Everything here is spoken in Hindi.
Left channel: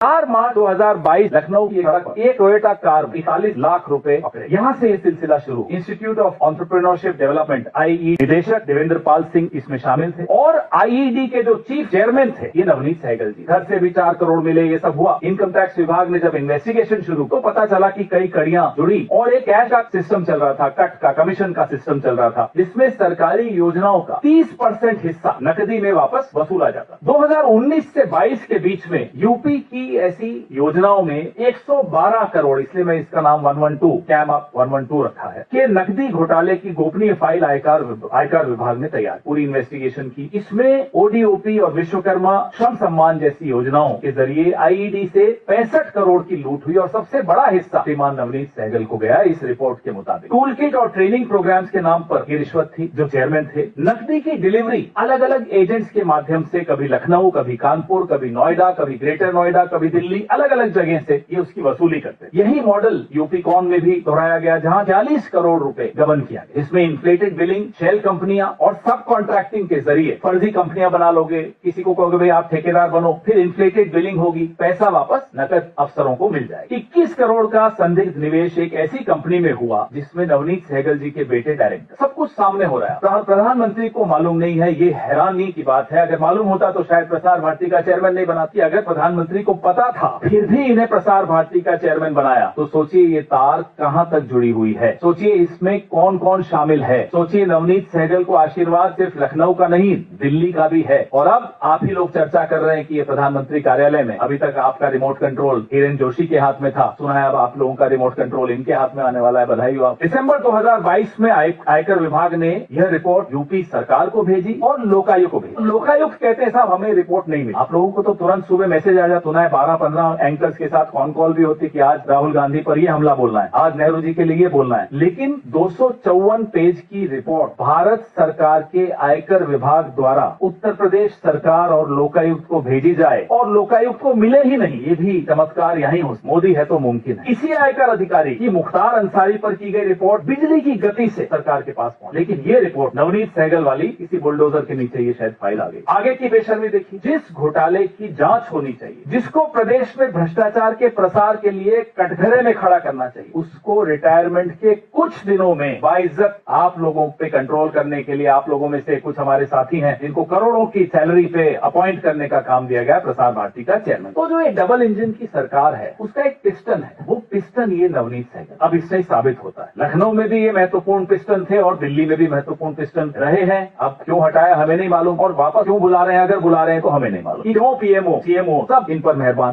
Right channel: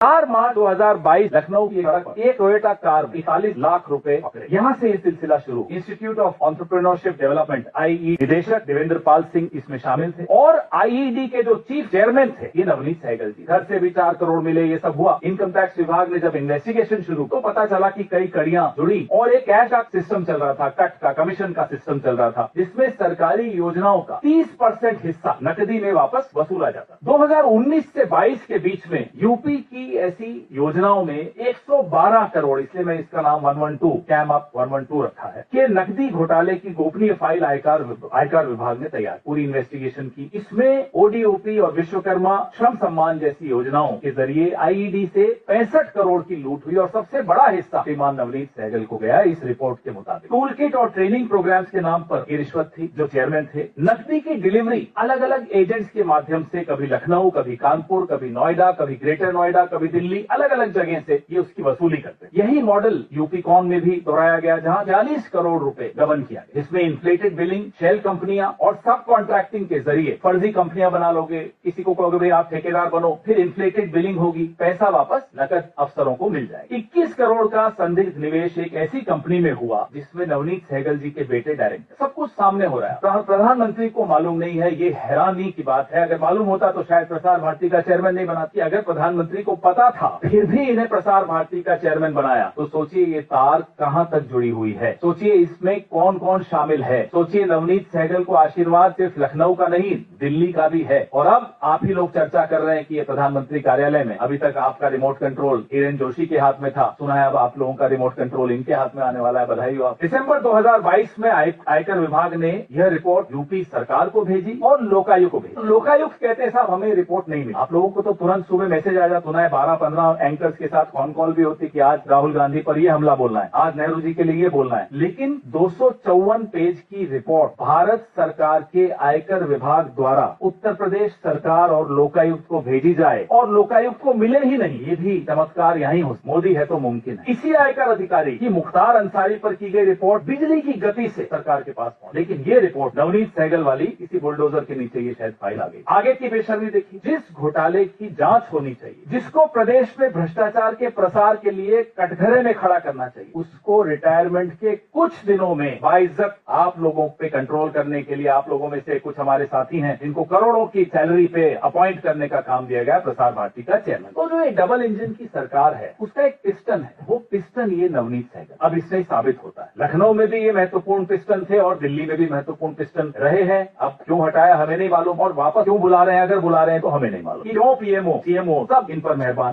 4 मार्च 2022 लखनऊ की सड़क पर एक टोयोटा कार 45 लाख रुपए पकड़े। यहाँ से ये सिलसिला शुरू। Institute of entrepreneurship development IE निदेशक देवेंद्र पाल सिंह इसमें शामिल थे और आईईडी के जो चीफ चेयरमैन थे ये नवनीत सहगल जी। घर से भी 4 करोड़ मिले, ये सब हुआ। इनकम टैक्स विभाग ने जब इन्वेस्टिगेशन शुरू तो पता चला कि कई कड़ियां जुड़ी और एक कैश का सिस्टम चल रहा था, कट का कमीशन का सिस्टम चल रहा था, जिसमें सरकारी योजनाओं का 30% हिस्सा नकदी में वापस वसूला जाता। 2019 से 22 के बीच में यूपी की ऐसी योजनाओं में 112 करोड़, इसलिए मैं इसका नाम 112 कैम अप 112 रखा है, के नकदी घोटाले की गोपनीय फाइल आयकर विभाग ने तैयार पूरी इन्वेस्टिगेशन की। इसमें ओडीओपी और विश्वकर्मा श्रम सम्मान जैसी योजनाओं के जरिए आईईडी से 65 करोड़ की लूट हुई और सबसे बड़ा हिस्सा श्रीमान नवनीत सहगल को गया। इस रिपोर्ट के मुताबिक टूल किट और ट्रेनिंग प्रोग्राम्स के नाम पर ये रिश्वत थी। जो चेयरमैन थे, नकदी की डिलीवरी अलग अलग एजेंट्स के माध्यम से, कभी लखनऊ, कभी कानपुर, कभी नोएडा, कभी ग्रेटर नोएडा, कभी दिल्ली, अलग अलग जगह से ये उसकी वसूली करते। यही मॉडल यूपी कॉन में भी दोहराया गया, जहां 40 करोड़ रुपए गबन किया गया। इसमें इन्फ्लेटेड बिलिंग, शेल कंपनियां और सब कॉन्ट्रैक्टिंग के जरिए फर्जी कंपनियां बना लोगे, किसी को कहोगे भाई आप ठेकेदार बनो, फिर इन्फ्लेटेड बिलिंग होगी, पैसा वापस नकद अफसरों को मिल जाए। 21 करोड़ का संदिग्ध निवेश एक ऐसी कंपनी में हुआ जिसमें नवनीत सहगल जी के बेटे डायरेक्टर। सब कुछ सामने हो रहा है। प्रधानमंत्री को मालूम नहीं है, ये हैरानी की बात है। अगर मालूम होता तो शायद प्रसार भारती का चेयरमैन नहीं बनाती। अगर प्रधानमंत्री को पता था फिर भी इन्हें प्रसार भारती का चेयरमैन बनाया, तो सोचिए ये तार कहां तक जुड़ी हुई है। सोचिए इसमें कौन कौन शामिल है। सोचिए नवनीत सहगल को आशीर्वाद सिर्फ लखनऊ का नहीं, दिल्ली का भी है। और अब आप ही लोग चर्चा कर रहे हैं कि ये प्रधानमंत्री कार्यालय में, अभी तक आपका रिमोट कंट्रोल हिरेन जोशी के हाथ में था, सुना है अब आप लोगों का रिमोट कंट्रोल इनके हाथ में आने वाला है। बधाई हो आप। दिसंबर 2022 में आयकर विभाग ने यह रिपोर्ट यूपी सरकार को भेजी और लोकायुक्त को भेजी। लोकायुक्त कहते हैं साहब हमें रिपोर्ट नहीं मिली। आप लोगों को तो तुरंत सुबह मैसेज आ जाता, सुना है 12-15 एंकर्स के साथ कॉन कॉल भी होती कि आज राहुल गांधी पर ये हमला बोलना है, आज नेहरू जी के लिए ये बोलना है। लेकिन 254 पेज की रिपोर्ट भारत सरकार के आयकर विभाग द्वारा उत्तर प्रदेश सरकार और लोकायुक्त को भेजी जाए और लोकायुक्त को मिले ही नहीं, ये भी चमत्कार यहीं हो। मोदी है तो मुमकिन है। इसी आयकर अधिकारी की मुख्तार अंसारी पर की गई रिपोर्ट बिजली की गति से सरकार के पास पहुंची, लेकिन ये रिपोर्ट नवनीत सहगल वाली किसी बुलडोजर के नीचे ये शायद फाइल आ गई। आगे की बेशर्मी देखिए। जिस घोटाले की जांच होनी चाहिए, जिसको प्रदेश में भ्रष्टाचार के प्रसार के लिए कटघरे में खड़ा करना चाहिए, उसको रिटायरमेंट के कुछ दिनों में बाइज्जत आप लोगों पे कंट्रोल करने के लिए, आप लोगों में से कुछ हमारे साथी हैं जिनको करोड़ों की सैलरी पे अपॉइंट करने का काम दिया गया प्रसार भारती का चेयरमैन। तो जो एक डबल इंजन की सरकार है उसका एक पिस्टन है, वो पिस्टन ये नवनीत सहगल। अब इससे साबित होता है लखनऊ में भी ये महत्वपूर्ण पिस्टन थे और दिल्ली में भी महत्वपूर्ण पिस्टन रहे हैं। अब क्यों हटाया हमें नहीं मालूम और वापस क्यों बुला रहे हैं, अगर बुला रहे हैं तो हमें नहीं मालूम। क्यों पीएमओ, सीएमओ सब इन पर मेहरबान।